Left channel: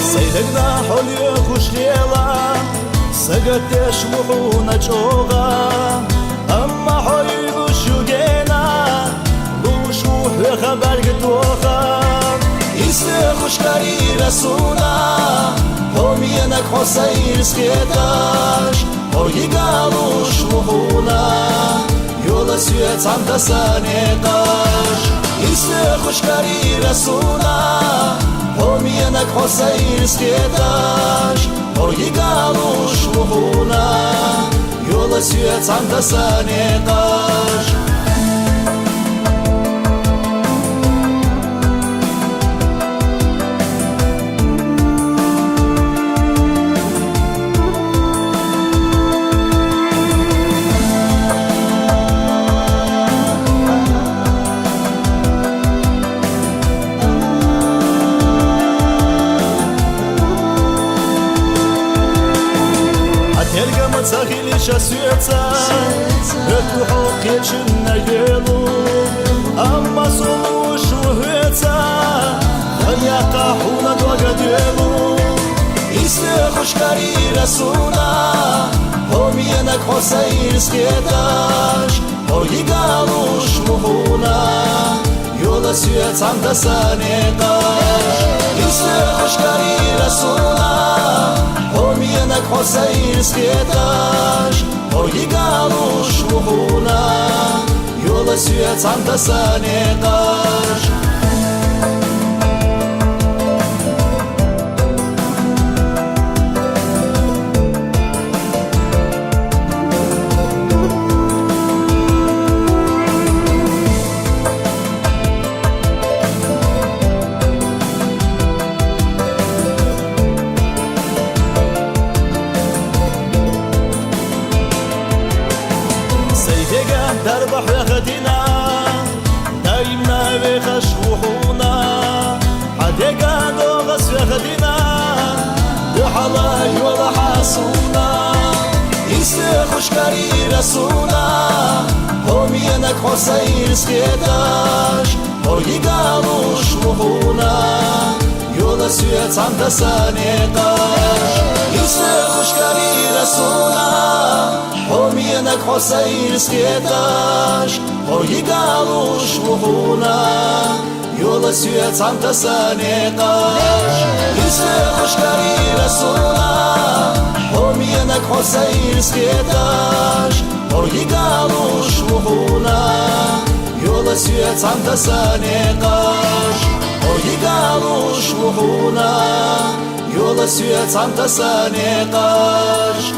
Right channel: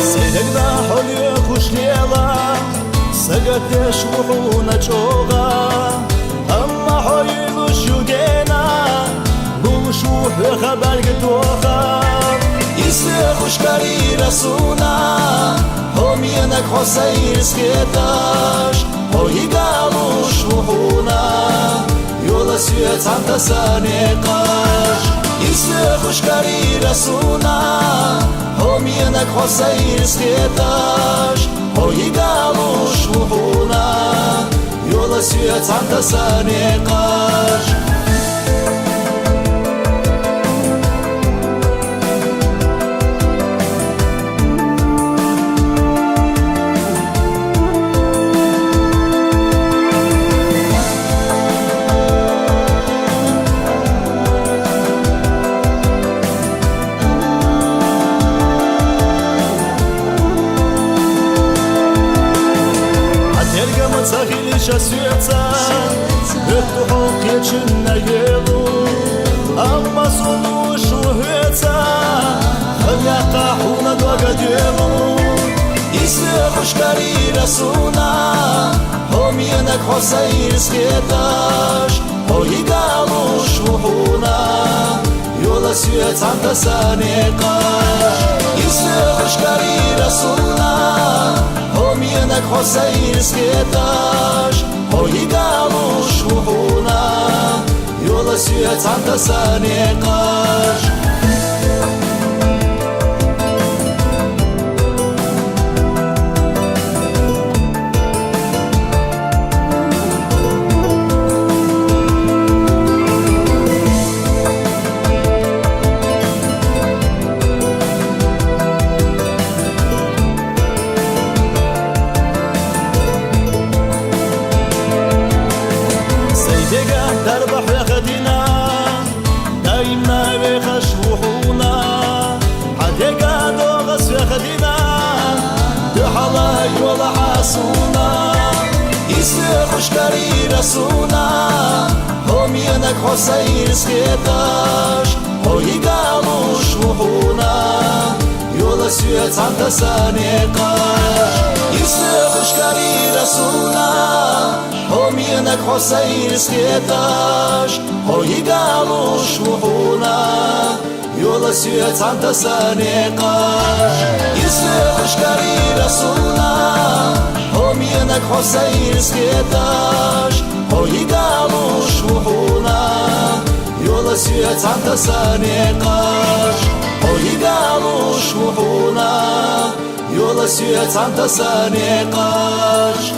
سيدنا حلي خوش ليلا سقتش وحونا جوغا أما حيلو شوقينا لوش وحي خبر قدوخا يسي خوش كاري رسونا هم ينك حسير سكيتاش هوي قالوش وحونا يولا سيت عن تسانيقاش يسي خوش كاري رسونا هم ينك حسير سكيتاش هوي قالوش وحونا يولا سيت عن تسانيقاش Terga më cahili shasyeca Hëttu hoqje që në jelu Amma sulu shuheca Hëllja ka huna doga djelu Isle khushkari rasuna Hom jenak hosajir skjetash Po i galu shuhuna Jola syet anta sanetash Isle khushkari rasuna هم ينك حسير سكيتاش هوي قالوش وحونا يولا سيت عن تسانيقاش سيدنا دربح يخدنا دايما بخش وحونا حديقا دوغس يخدنا دحلا يولا حاسونا يسي خوشكاري رسونا هم ينك حسير سكيتاش هوي قالوش وحونا يولا سيت عن تسانيقاش يسي خوشكاري رسونا هم ينك حسير سكيتاش هوي قالوش وحونا يولا سيت عن تسانيقاش يسي خوشكاري رسونا هم ينك حسير سكيتاش هوي قالوش وحونا يولا سيت عن تسانيقاش هوي قالوش وحونا يولا سيت عن تسانيقاش